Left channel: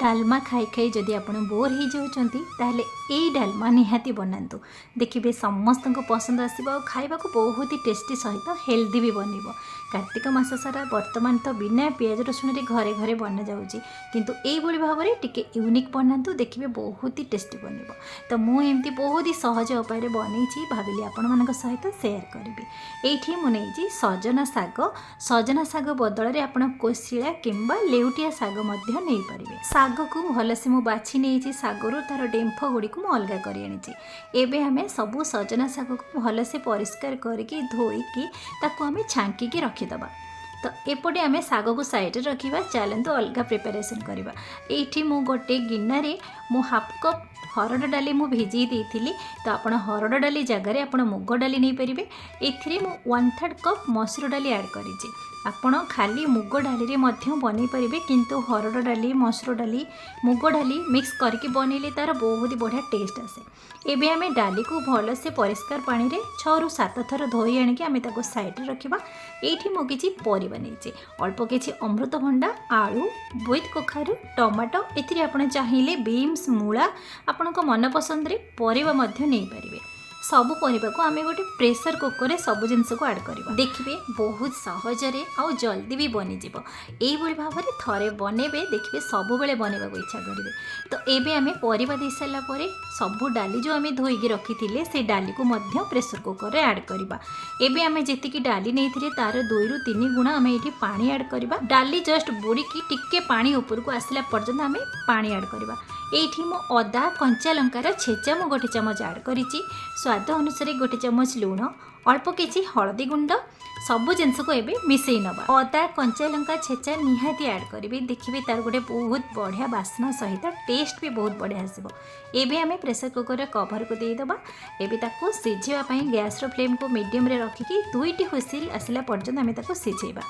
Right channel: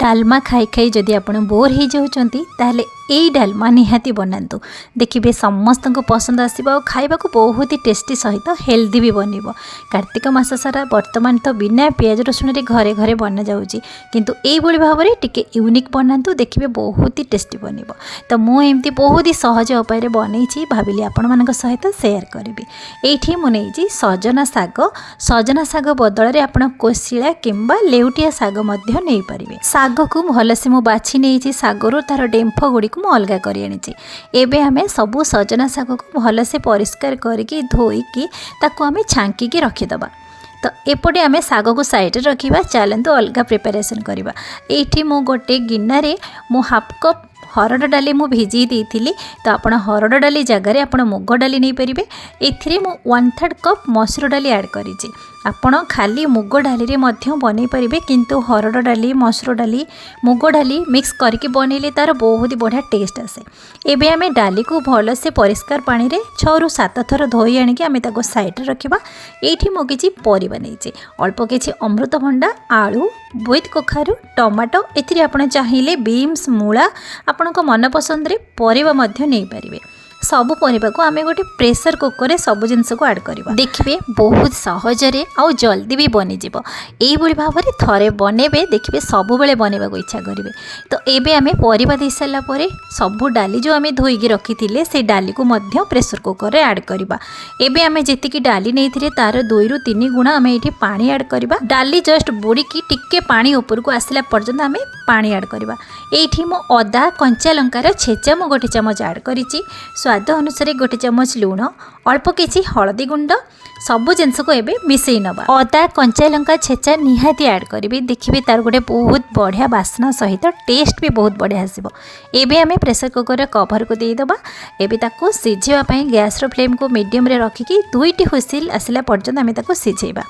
डालमा खाई खाई जदि आप बोर हो जाउछंती ताहले एई डालमा निहाती बनातु देखिए समस्त को पसंद आसो खाइबा बहुत ही टेस्टी सहित हेल्दी भी बनिबो। कार्तिक मास सारा वर्तमान तो बिना पियाज रसुण रे घरे घरे बना जाउची किंतु एई भली भाव रे टिके यूनिक बनातु देखिए बहुत ही टेस्टी बनिबो। तो मु एमती बहुत ही सहज उपाय रे बनैछि भाबिली आपण मानक सहित शेयर करबी। एठी मु नेछि सजना साग बदल रे आपण कोसिला किंबा लेउटिया साग मध्य नै परिबे। साग को भलसे मु बाछि नेछि सागरो तार डेम्फ गुडी को मु अलगा करि आनिछि। एबे हमें सबु सजना साग को भलसे परिष्कार करके धोईकी ताको हमें छांकी के रखिदबा। तो एपटे आमे साग को साइड रखिबा। चलंतु अलगा प्रिपरेशन करबा। एठी मु गोटे गिन्ना मु हाफ कप हरड़ डाली मु भिजी देइथिली। तो आपण हरड़ डाली जगार आपण मुग डाली नहीं पारिबे। एथिरे मु 1/3 कप मसूर डाली ऐड करिछि। आपण खाली मुग डाली रे मध्य बनै परिबे किंतु हरड़ डाली मसूर डाली मुग डाली मिक्स करके बनैले तार बहुत ही बढ़िया टेस्ट आसे। एबे आमे डाली को भल से परिष्कार पानी रे 6 ରୁ 7 थर धोई आनिके आमे ताको साइड रखिबा। एठी मु किछि परिबा नैछि अल्प किछि अमृतभंडा आलू बोइट कखारु टमाटो एथिरे आपण चाहिले बीन्स मूला आपण को मन पसंद रे परिबा मध्य नै परिबे। सबु परिबा को आमे गोटे प्रेशर कुकर रे सब जिंस को ऐड करबा। देखिबे बहुत सहज रे आ जल्दी भी बनि जिवो। एई भली भाव रे थरे बनेबे देखिबे सबु बेले बनेबा को इच्छा करिवे। तो एबे आमे परिबा दे सला परे सबु डाली जो आमे धोई के रखिथिले से डाली को मध्य प्रेशर कुकर रे ऐड करबा। एबे आमे जेति की डाली नैथिरे तार 2 ରୁ 3 गुणा आमे एठी पानी ऐड करबा। डाली जस्ट बुड़ी की टिक्के पानी ऊपर को आसिला पर्यंत आमे पानी ऐड करबा। एठी मो अदा कंचा लंकार छेचा मो गोटे चमच ऐड करिछि। स्वाद अनुसार गोटे चमच लूण अल्प किछि हलदी गुंड सबु जिनस को एबे मिसई नबा। अदा कंचा लंका छेचा निहाती ऐड करिवे। देखिबे तार गोटे बहुत बढ़िया बास्ना सहित टेस्ट भी बहुत बढ़िया आसीबो। एबे आमे प्रेशर कुकर रे कवर को देई दबा। एबे ताको सिझेबा पई गैस रो फ्लेम को मीडियम रे रखिकी 2टी हुइसिल आसिला पर्यंत आमे ताको सिझेबा।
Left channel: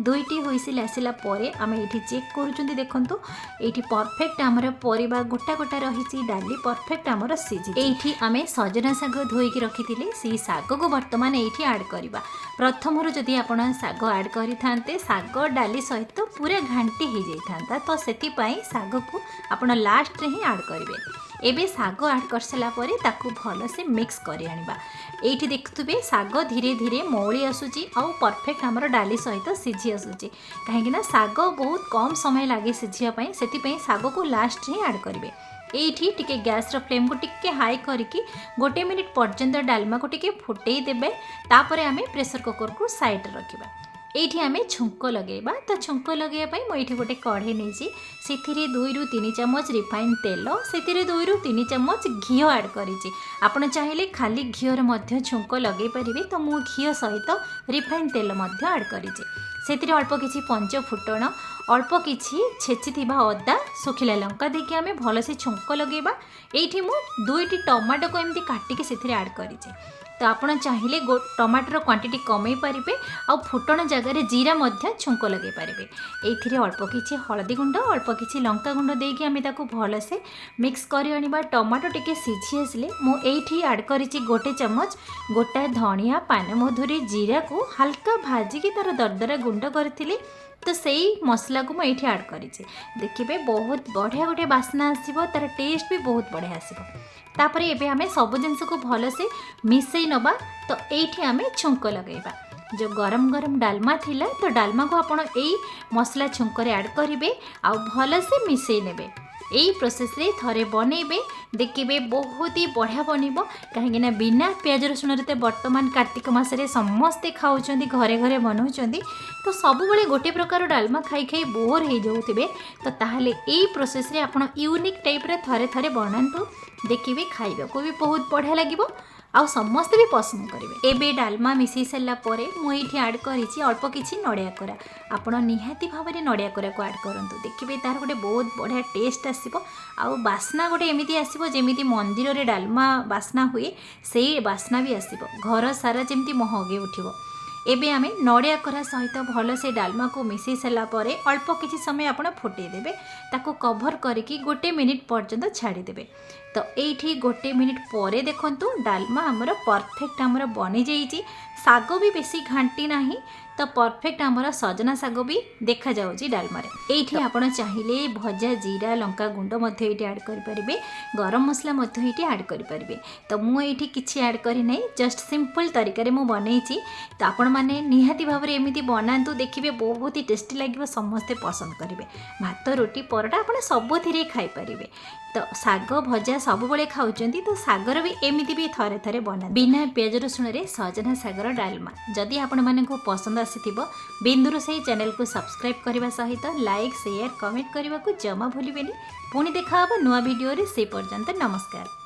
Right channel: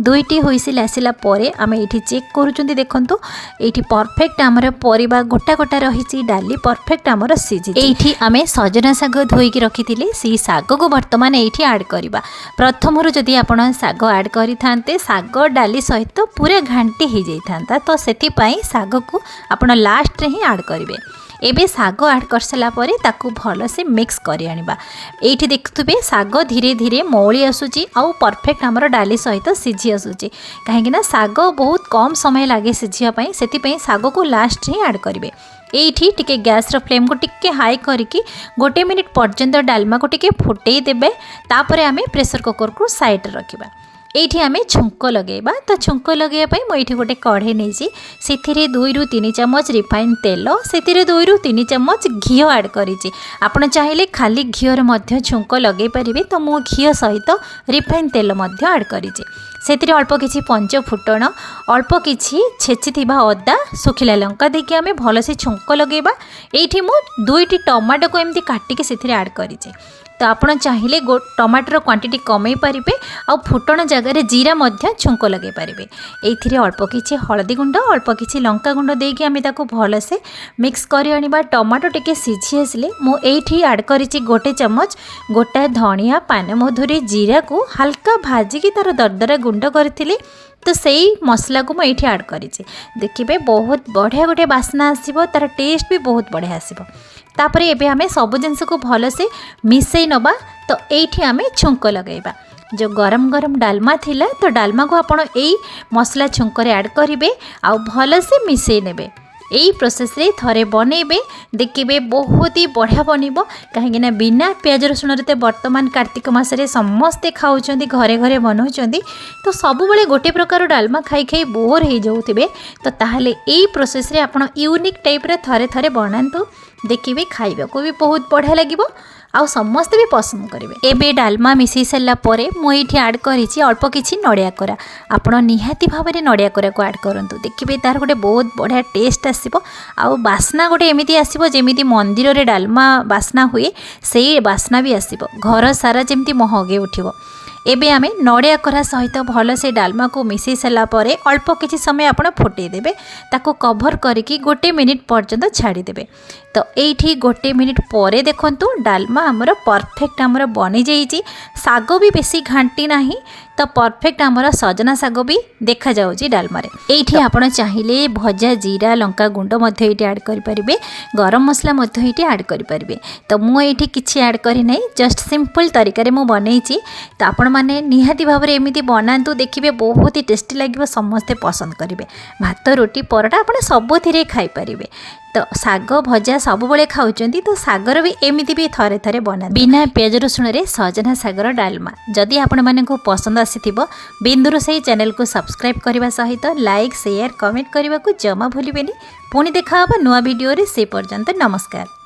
2टी हुइसिल आसिला परे आमे एठी चेक करूचुंदी देखंतु एठी परफेक्ट हमर परिबा गोटा गोटा रहिछि डाली परफेक्ट हमर सिझि। एठी आमे सजना साग धोई के रखिथिले सी साग को वर्तमान एठी ऐड करबा। प्रथम रु जदि आपण साग ऐड करि थांते साग डाली सहित पूरा घांटी हो जाई थांता। तो सेति पई साग को आपण लास्ट रे ही ऐड करिवे। एबे साग ऐड कर सला परे ताकू भल से मिक्स करि आनिबा। एठी देखथुबे साग धीरे धीरे मौली आसुची आउ परफेक्ट हमर डाली सहित सिझी आसुची। काहेकि ना साग बहुत कम समय लागे सिझिया पई सेति पई साग को लास्ट ही ऐड करिवे। एठी टिके गैस रो फ्लेम को टिके हाई करिकी 1 मिनिट पर्यंत डालमा को टिके फुटेई देबे। तापरे आमे प्रेशर कुकर को साइड रखिबा। एठी आमे छुंक लगेबा। तो छुंक लगेया पई म एठी गोटे कढ़े नेछि सेथिरे 2 ରୁ 3 चमच रिफाइन तेल सेथिरे 2 ରୁ 3 चमच घी ऐड करिछि। आपण चाहिले खाली घी रे मध्य छुंक लगे परिबे। तो मु घी सहित रिफाइन तेल मध्य ऐड करिछि। सेथिरे अल्प किछि पंच फुटण अल्प किछि छेचिथिबा अदा सुखिला लंका देकी आमे भलसे छुंक लगेबा। एठी मु 2टी टमाटो को एमती काटिके सेथिरे ऐड करिछि। तो आपण चाहिले टमाटर क्वांटिटी कमई पारिबे आ फुटण जगह रे जीरा मध्य छुंक लगे पारिबे। एथिरे अल्प किछि हळदी गुंड अल्प किछि लंका गुंड देकी आमे ताको भलसे मिक्स करि आनिबा। टमाटो टिके सिझी आसिले मु एठी ऐड करिछि गोटे चमच गोटा धनिया पानमधुरी जीरा को हल्का भाजी की तार दरदरा गुंड करथिले। तो सही मसला को मुझे ऐड करिछि। देखिए बहुत बढ़िया गोटे बास्ना आसीबो तार टेस्ट भी बहुत बढ़िया आसीबो। तापरे एबे हमें सब जिनस को भल से मिसई नबा। तो एठी हमें छुंक लगेबा। जो गरम गरम डालमा थिला तो डालमा को आपण एई मसला छुंक रे ऐड करिवे आ भल से मिसई नेबे। यही प्रोसेस रे थरे बनेबे देखिए बहुत ही बढ़िया बनइबो। कहीं ना बिना प्याज रसुण रे वर्तमान कार्तिक मास रे समस्ते खाउछंदी घरे घरे बनाउछंदी। तो सब बेले गोटे प्रकार डालमा खाई खाई बोर हो जाउथिबे। तो ताहले एई प्रोसेस रे आपण यूनिक टाइप रे थरे थरे बनांतु देखिए खाइबा को भी बहुत बढ़िया लागिबो आउ समस्ते भी पसंद करेंगे। एबे डालमा मिसई सारा पर मुझे ऐड करिछि अल्प किछि नड़िया कोरा। आपण निहाती भाव में नड़िया कोरा को ऐड करंतु देखिए तार गोटे बहुत बढ़िया टेस्ट आसीबो आउ बास्ना गोटे एमिति आसीबो जेमिति मंदिर रे डालमा बास्ना हुए सेई बास्ना भी आसीबो घर सारा जेमिति महगे उठिबो। एबे आमे नड़िया कोरा सहित भल से डालमा को मिसई सारा पर अल्प किछि समय आपण फुटई देबे। ताको कवर करिकी 1 मिनिट पर्यंत छाड़ी देबे। तो एठी 1 मिनिट पर देखंतु डालमा हमर परफेक्ट हमर बनी जाइछि। साग भी बेसी घांटी नाही तो परफेक्ट आमर सजना साग भी देखा जाउची डालमा रे। एठी आपण चाहिए भजा जीरा लंका गुंड मध्य एठी ऐड करि परिबे, गरम मसला मध्य एठी ऐड करि परिबे। तो मु एठी किछि ऐड करि नै, जस्ट सिंपल तरीका रे मु बनैछि। तो आपण माने निहाती भाव रे एमिति बनांतु, देखिबे बहुत ही टेस्टी लागिबो, समस्ते पसंद करिवे। भात रोटी परोटा आपण सबुथिरे खाई परिबे। तो साग भजा सब बेले खाउचंती, तो सागर भी एमिति भी थरे थरे बना बिना प्याज रसुण रे सजना सागर डालमा। जदि आपण मानकु पसंद आसीथिबो बिंदुरोसई चैनल को सब्सक्राइब करबा सहित लाइक शेयर कमेंट करबा को जमा भूलिबेनी। पुणी देखा हबा नुआ वीडियो रे, से पर्यंत नमस्कार।